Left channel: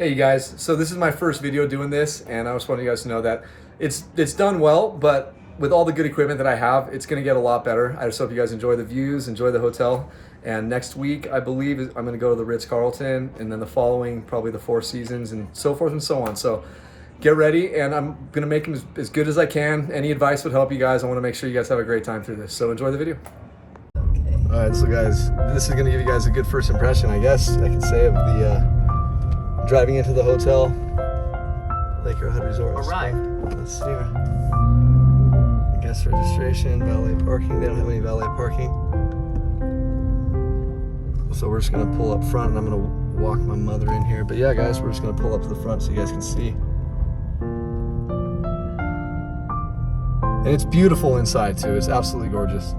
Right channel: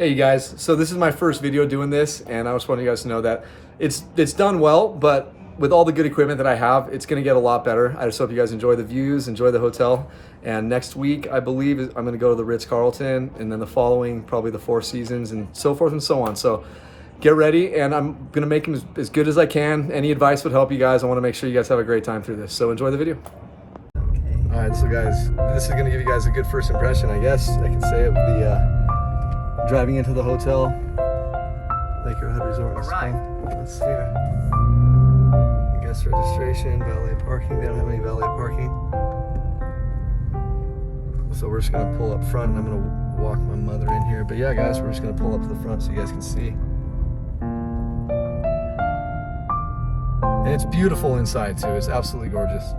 Hey you guys, so this is my first video doing this, and I just want you guys to know that it's done well, but with all the good equipment that I have, it's gonna get a lot better. I just hope you guys enjoy the views, enjoy the hotel, and next week, I believe, I'm gonna go to the Ritz-Carlton, and then the following, probably the Four Seasons, and so forth and so on. So get ready, and I'm gonna make them as good as I can. Any advice would help you guys. I wanna make sure you guys have a great time through this, so enjoy the video. All right, so guys, this is gonna give you guys a good first impression, I guess I can say, of the driving into the hotel, Arrowhead Resort and Spa. Let's see here. Guest registration, valet parking. They don't have any valet parking. So we're just gonna pull up front, and I'm gonna walk my mother in here. But yeah, guys, we're just gonna pull up to the front so you guys can see. And it's beautiful inside too. It's absolutely gorgeous.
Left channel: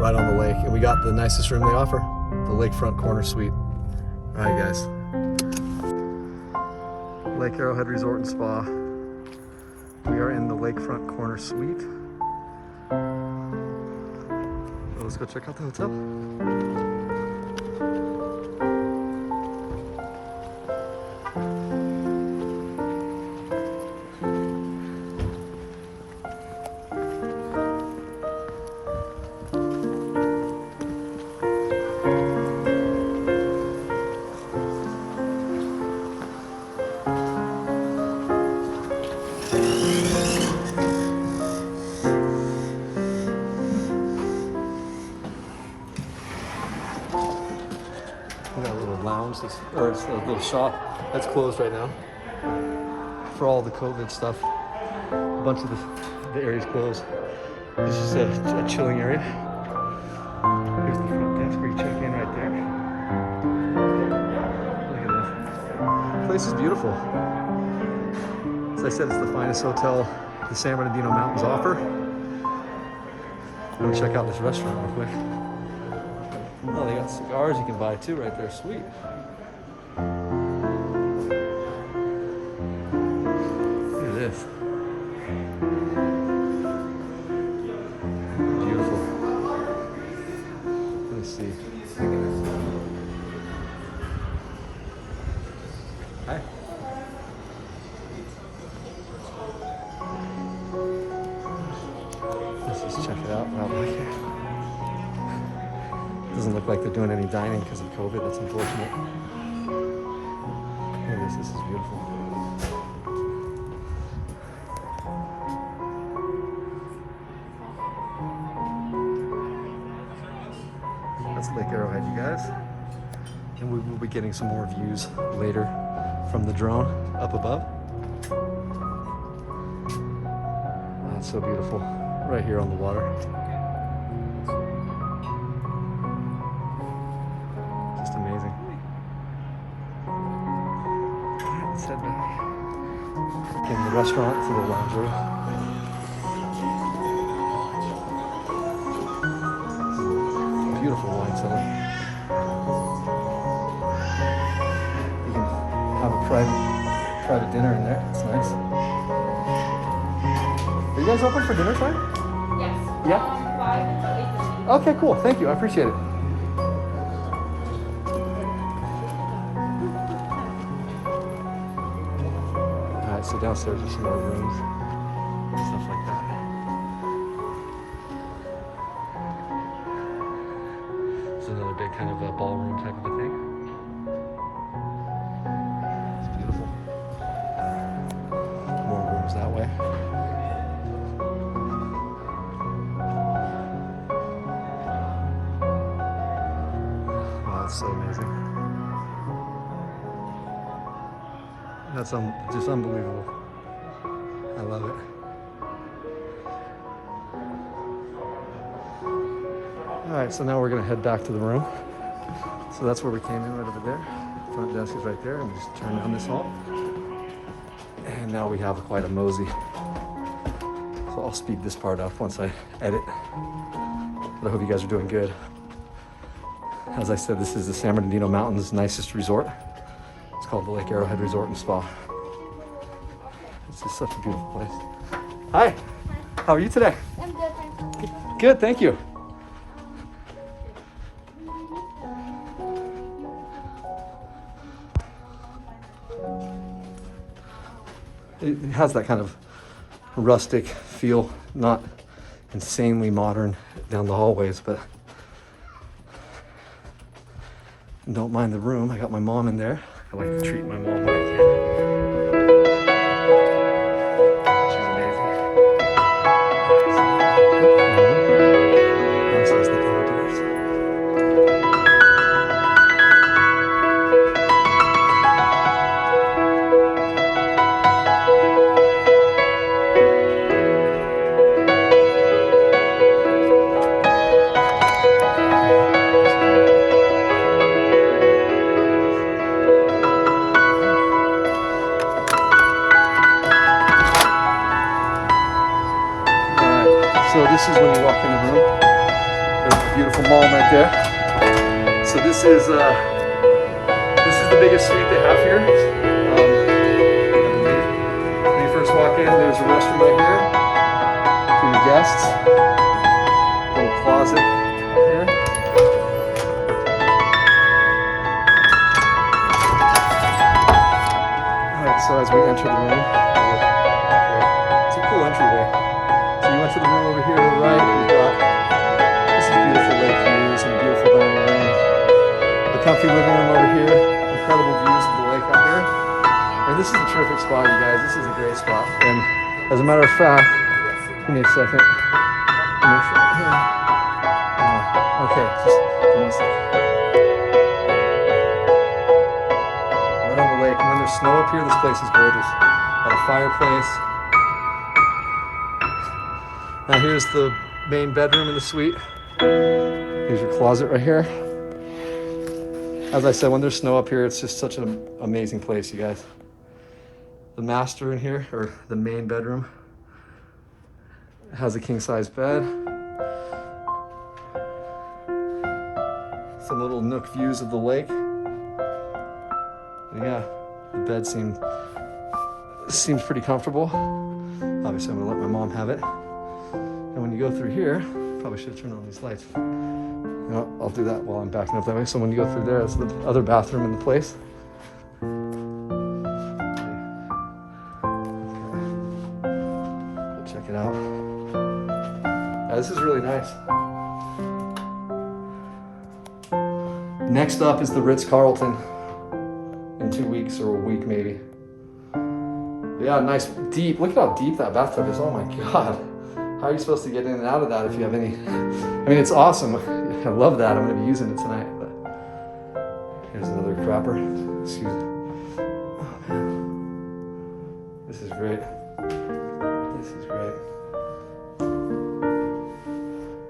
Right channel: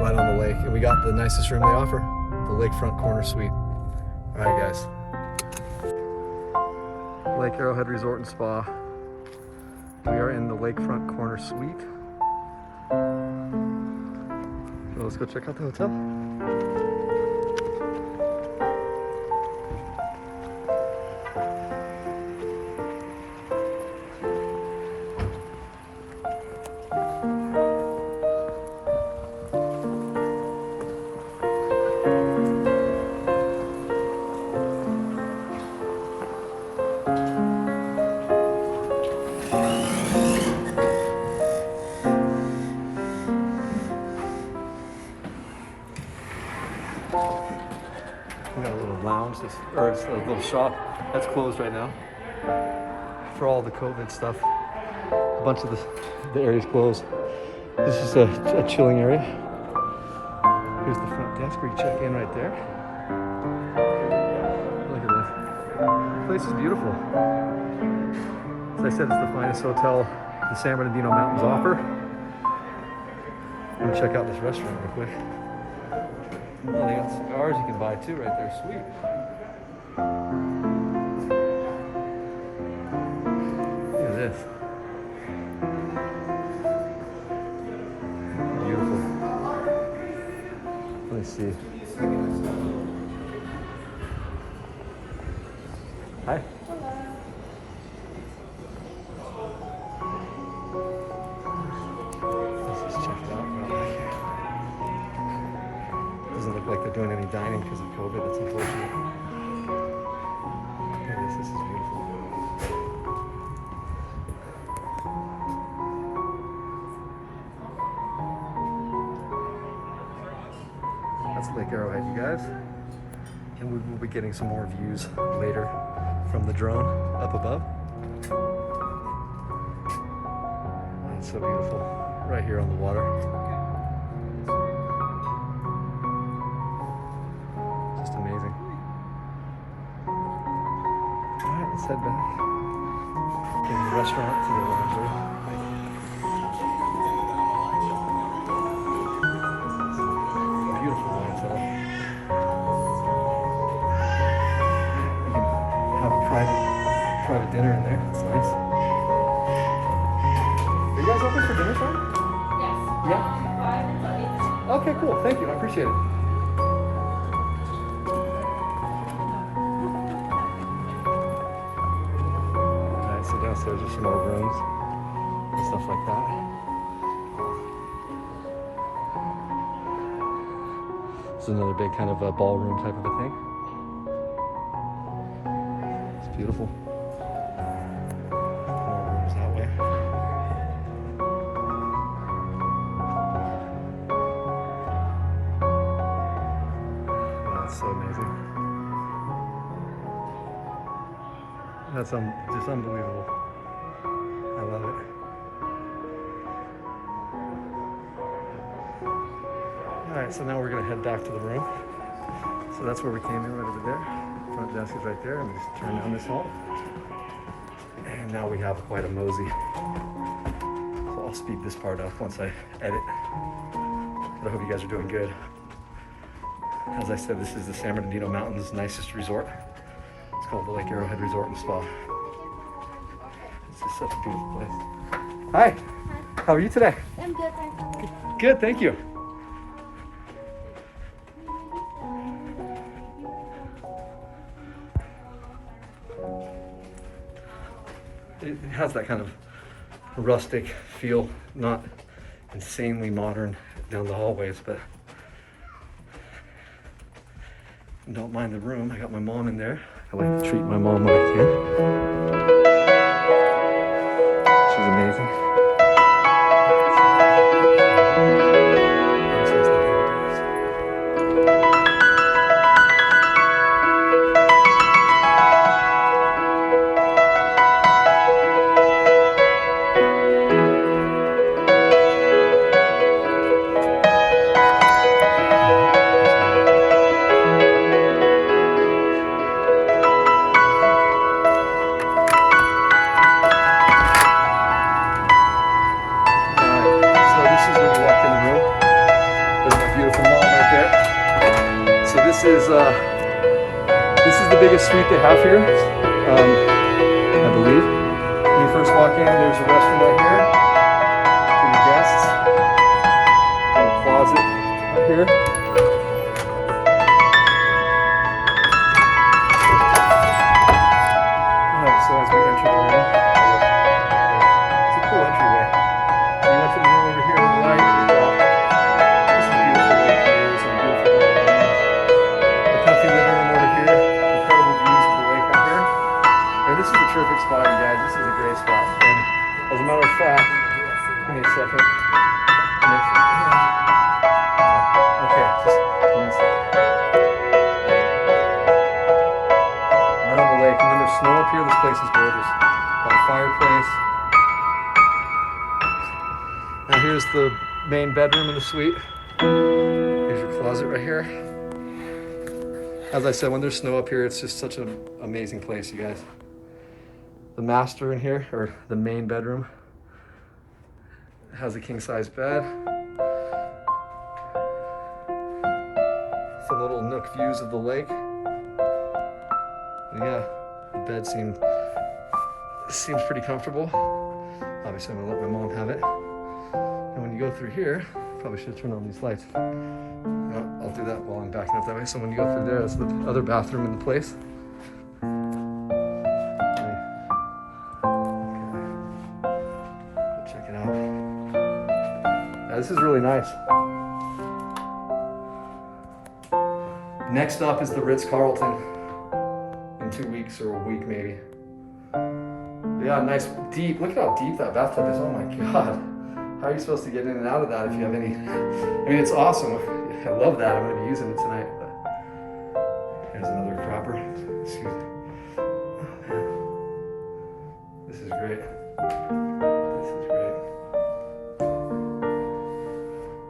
Right on the lake, and we got the nicest room they offer, the lakefront corner suite. All right, guys. Lake Arrowhead Resort and Spa. We are in the lakefront corner suite. So let's go check out the hotel. We got a little lounge, or it's a little shop that's closed right now for all the COVID stuff. A bunch of the area's closed. This is a chilling area. Here's the front desk where you check in right there. Look at this. The place is beautiful. As I said, it's the finest hotel the San Bernardino Mountains offer. I'm gonna check out this restaurant real quick. Oh, they got cigars you can buy too right there. Sweet. Look at this. Beautiful. Let me see. Hi. Let's just check it out. Doesn't look like they're doing any dining because of COVID. That's unfortunate. Here it is. This is beautiful. That's Lake Arrowhead, you guys. And we will be getting some more views later from the drone up above. Oh, it's so beautiful. Right here on the water. Amazing. All right, let's head back. From the restaurant to the lounge area. Beautiful wine cellar. You can have a private dinner in there. It's nice. Are you guys open for dinner time? Yes. Yeah? Okay, cool. Thank you. I appreciate it. So downstairs are some more rooms and stuff like that. This is another big kind of a ballroom type of a thing. It's beautiful. More rooms that way. Wow, that's so amazing. That's just unbelievable. I love it. All right, so now we're gonna head back to the room. So that's where we came in, right over there. Front desk is right there, and we just turn down this hall. And now we have quite a mosey. So I'll speed this part up once I edit. But I hope you guys are doing good. As I said, this is the San Bernardino Mountains' nicest resort. It's called the Lake Arrowhead Resort and Spa. It's just such a beautiful place. Hi, how are you today? I'm good. Good, thank you. It has that kind of rustic feel, not insanely modern down the hallways, but don't mind the room. I got my mom in there. I like to treat my mom when I can. She's amazing. Access the double doors. So this is when you walk in the room. There's my beautiful mom right there. So this is the biggest suite they have here, I believe. When you first walk in, there's a restroom right here for your guests. A little closet up here. All right, so as we enter the room, it's a cool entryway. So you went to the room over here to the right, we've got, this is beautiful lake views and a beautiful dining room. The comfy living room over here, incredible views of the lake out here. And this is a terrific spot, you guys. This is a great spot. And as a matter of fact, give me a second. Give me a second here. Okay, just give me a second. Right on the lake. And when there's snow up here, this place is gorgeous. Got a fireplace. Now here's the main bedroom in the suite. Here's your closet right here. As I said, when there's snow up here, it's just such an amazing place, you guys. The master in here, or the main bedroom, has a king-size bed. Some little nook views of the lake. And yeah, the bed seems pretty comfortable. Obviously, I'm gonna let my mom have it. And when you go through here, probably should turn on these lights. I'll do that while I'm backing up that way. So when you go through there, it's the other bathroom in the place. Okay. Check it out. Yeah, this is really nice. Next up is the Ritz-Carlton in 2 weeks or a week maybe. But yeah, nice deep. Look at how deep that bathtub is. Oh my God. How are you supposed to get in and out of that if you have any? I mean, it's awesome. I love that. I'm going to be using it tonight. But here's another cropper. Excuse me. Oh man, this is great. This is great.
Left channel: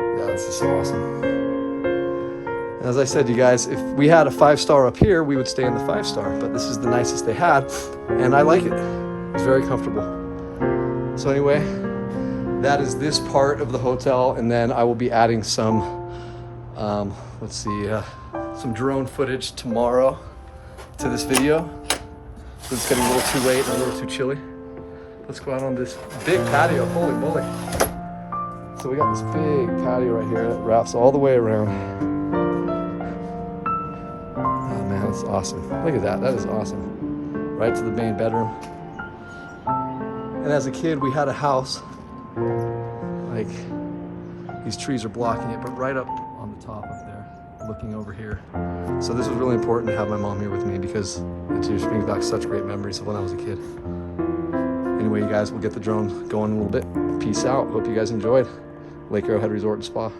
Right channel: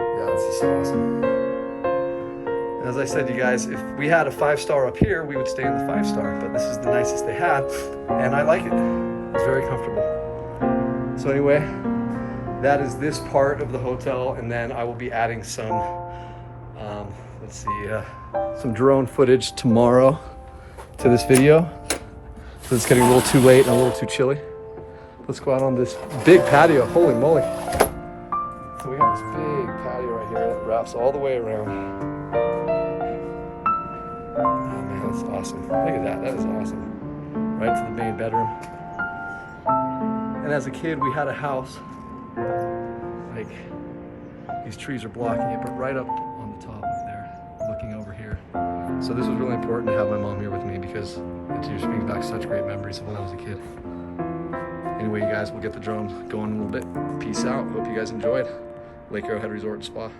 Yeah, this is so awesome. And as I said, you guys, if we had a 5-star up here, we would stay in the 5-star. But this is the nicest they had, and I like it. It's very comfortable. So anyway. That is this part of the hotel, and then I will be adding some, some drone footage tomorrow to this video. It's getting a little too late and a little too chilly. Let's go out on this big patio. Holy moly! So we got this big patio right here that wraps all the way around. Oh man, that's awesome! Look at that. That is awesome. Right to the main bedroom. And as a kid, we had a house. Like, these trees are blocking it, but right up on the top up there, looking over here. So this is really important to have my mom here with me because it just brings back such great memories of when I was a kid. Anyway, you guys, we'll get the drone going in a little bit. Peace out. Hope you guys enjoyed Lake Arrowhead Resort and Spa.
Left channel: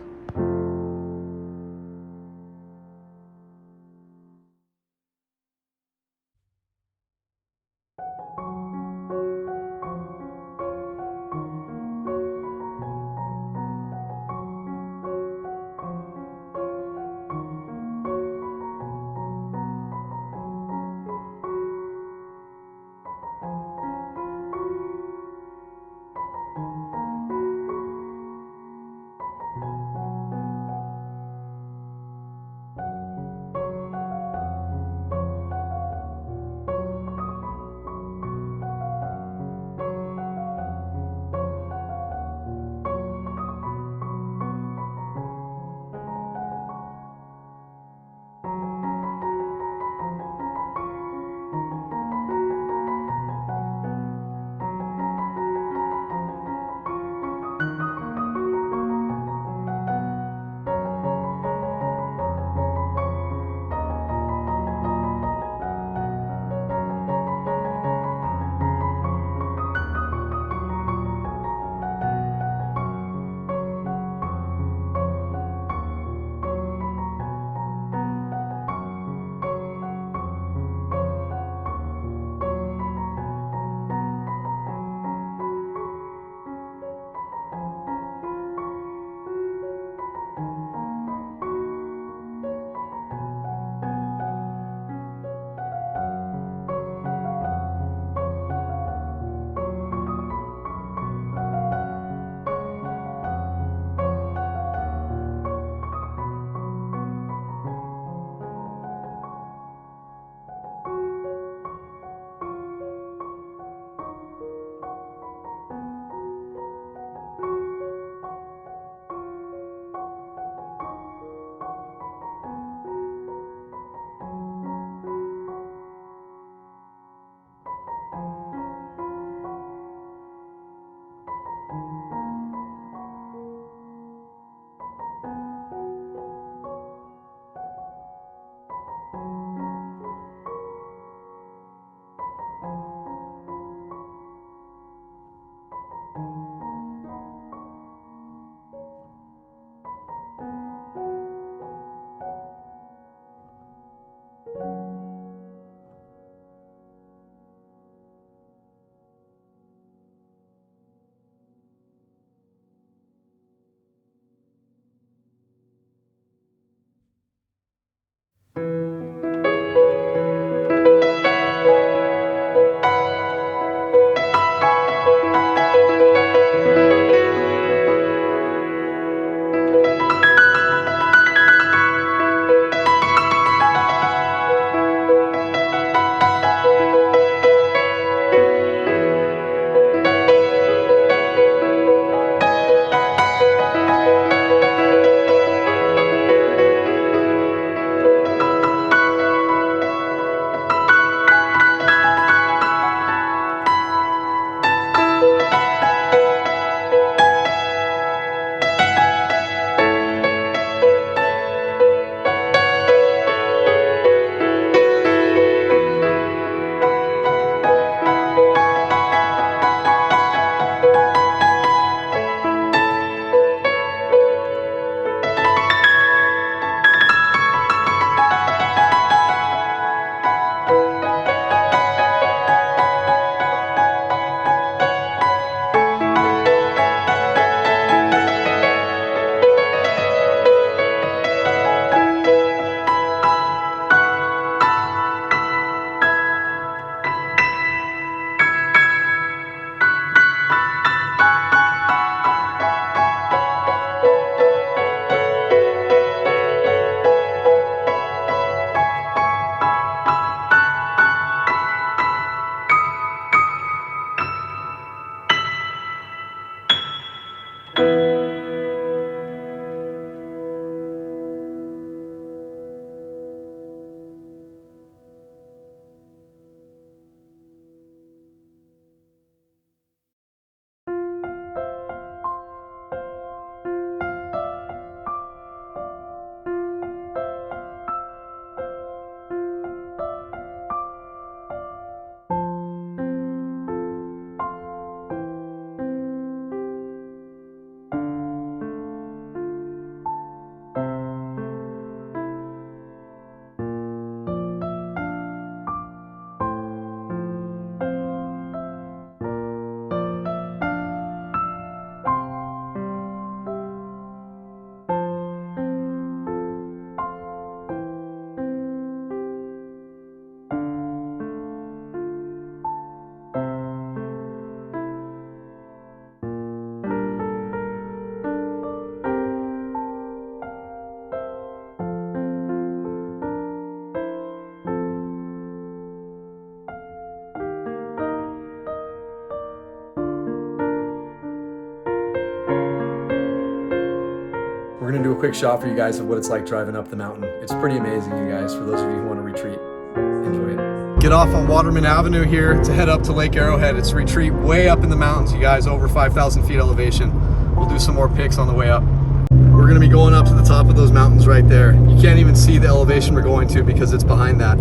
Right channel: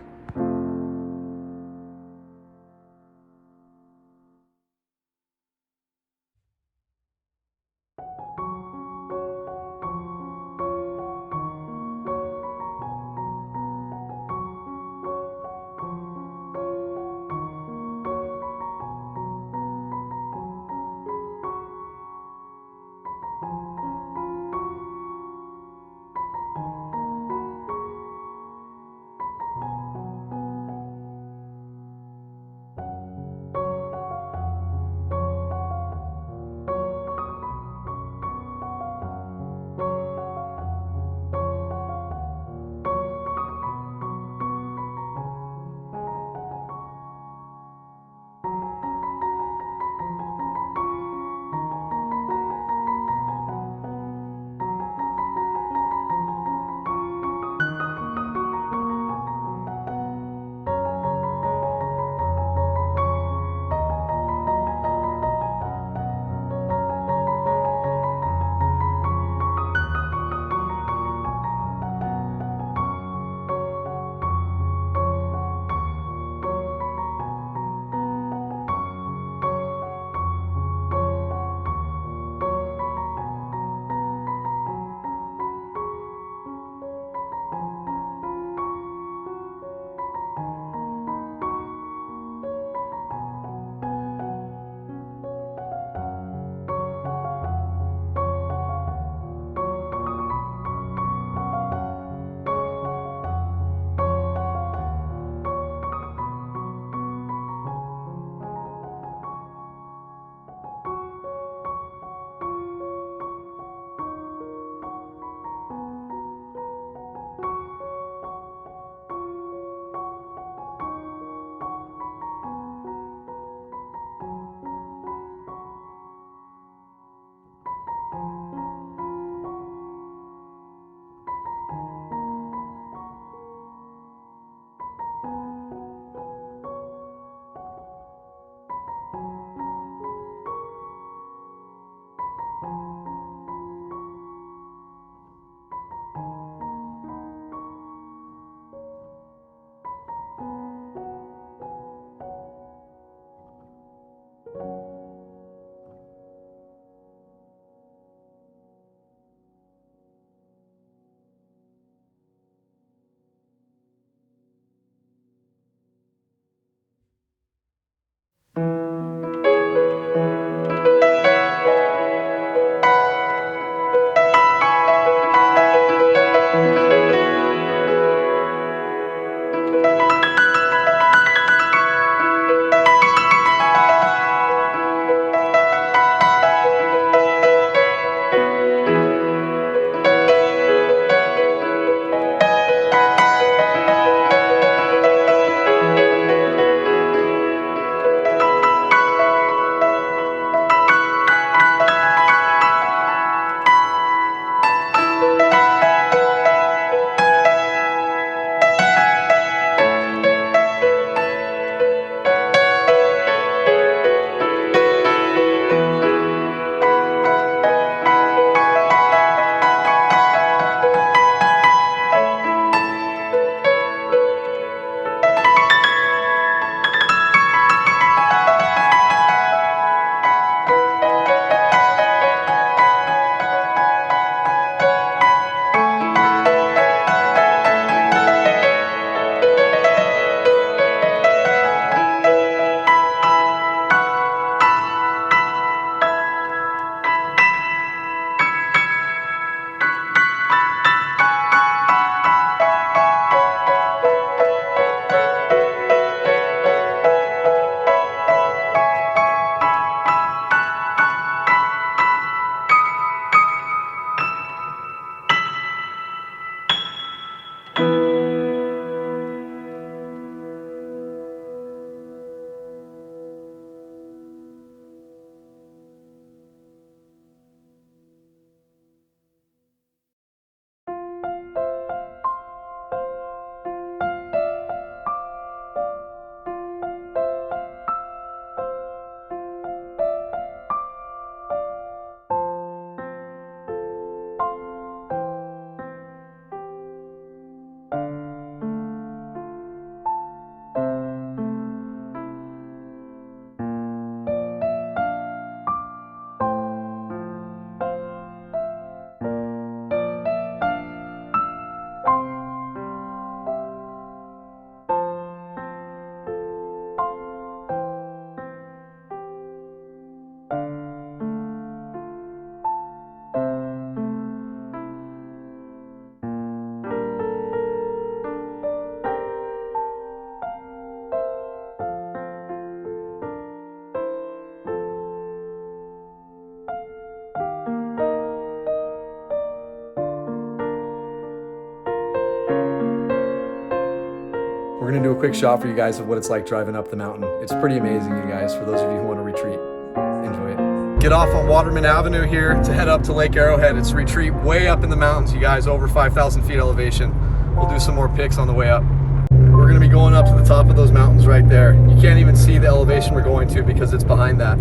gonna do a quick shot for you guys of what it's like driving up the mountain. It's pretty amazing, you guys, for those of you who want to retreat. Enjoy it. Get off on Waterman Avenue here to head up to Lake Arrowhead. It's a retreat way up in the mountains, you guys, over 5,000 feet elevation. We'll do some more pics on the way up. We're gonna be going up to the top of those mountains right there. You can't even see the elevation we're going to because it's behind that.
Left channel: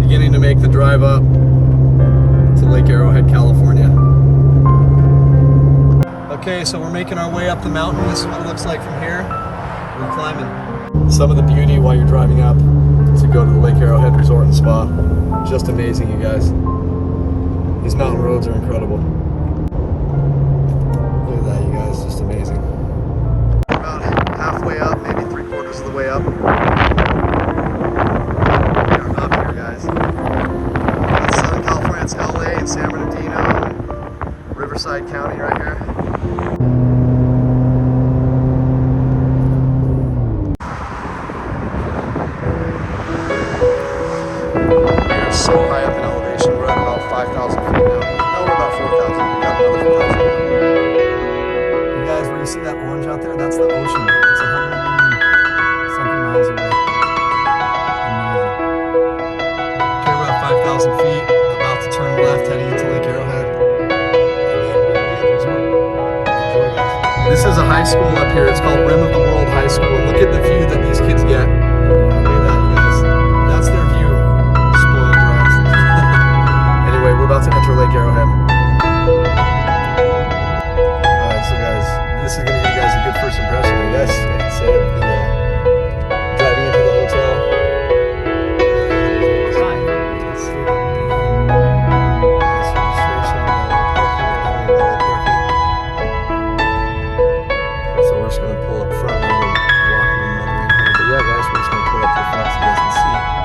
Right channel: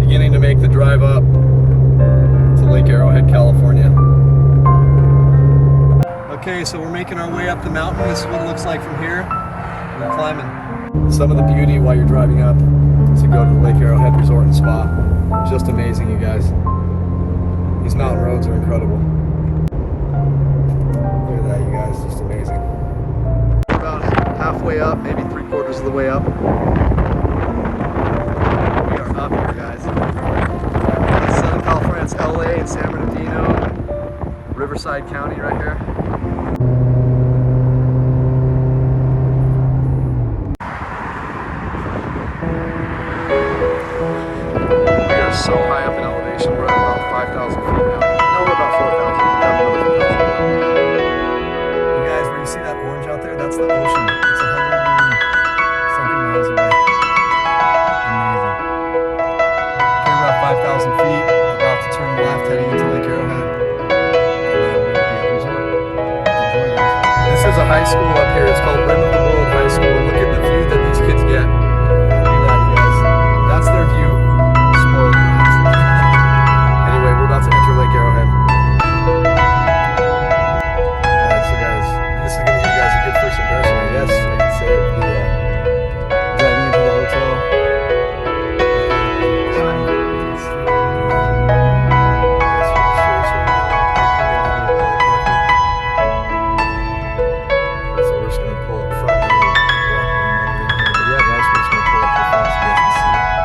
Beginning to make the drive up to Lake Arrowhead, California. Okay, so we're making our way up the mountain. This is what it looks like from here. We're climbing. Some of the beauty while you're driving up to go to the Lake Arrowhead Resort and Spa. Just amazing, you guys. These mountain roads are incredible. Look at that, you guys, just amazing. We're about halfway up, maybe 3/4 of the way up. We are up here, guys. That's Southern California, it's LA and San Bernardino and Riverside County right here. So high up in elevation, we're at about 5,000 feet now. No, we're about 4,000. We got another 1,000. You guys, where you see that orange out there, that's the ocean. It's 100 something miles away. Amazing. Okay, we're at 5,000 feet, about to turn left, heading into Lake Arrowhead. And then we'll be at the resort. Enjoy, guys. This is a high school up here. It's called Rim of the World High School. And look at the view that these kids get. Look at that, you guys. That's their view. Spoiled brats. Anyway, we're about to enter Lake Arrowhead. Alright, so guys, this is going to give you guys a good first impression, I guess I can say, of the driving into the hotel. Let's see. That's registration, parking, and Valet parking. So we're just going to pull up front and we'll walk another in here. But yeah, guys, we're just going to pull up to the front so you guys can see.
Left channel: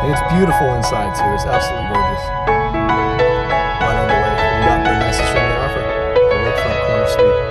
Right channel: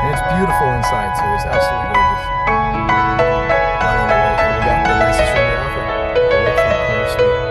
And it's beautiful inside too, it's absolutely gorgeous. Right on the lake, we got the nicest room they offer, the lakefront corner suite.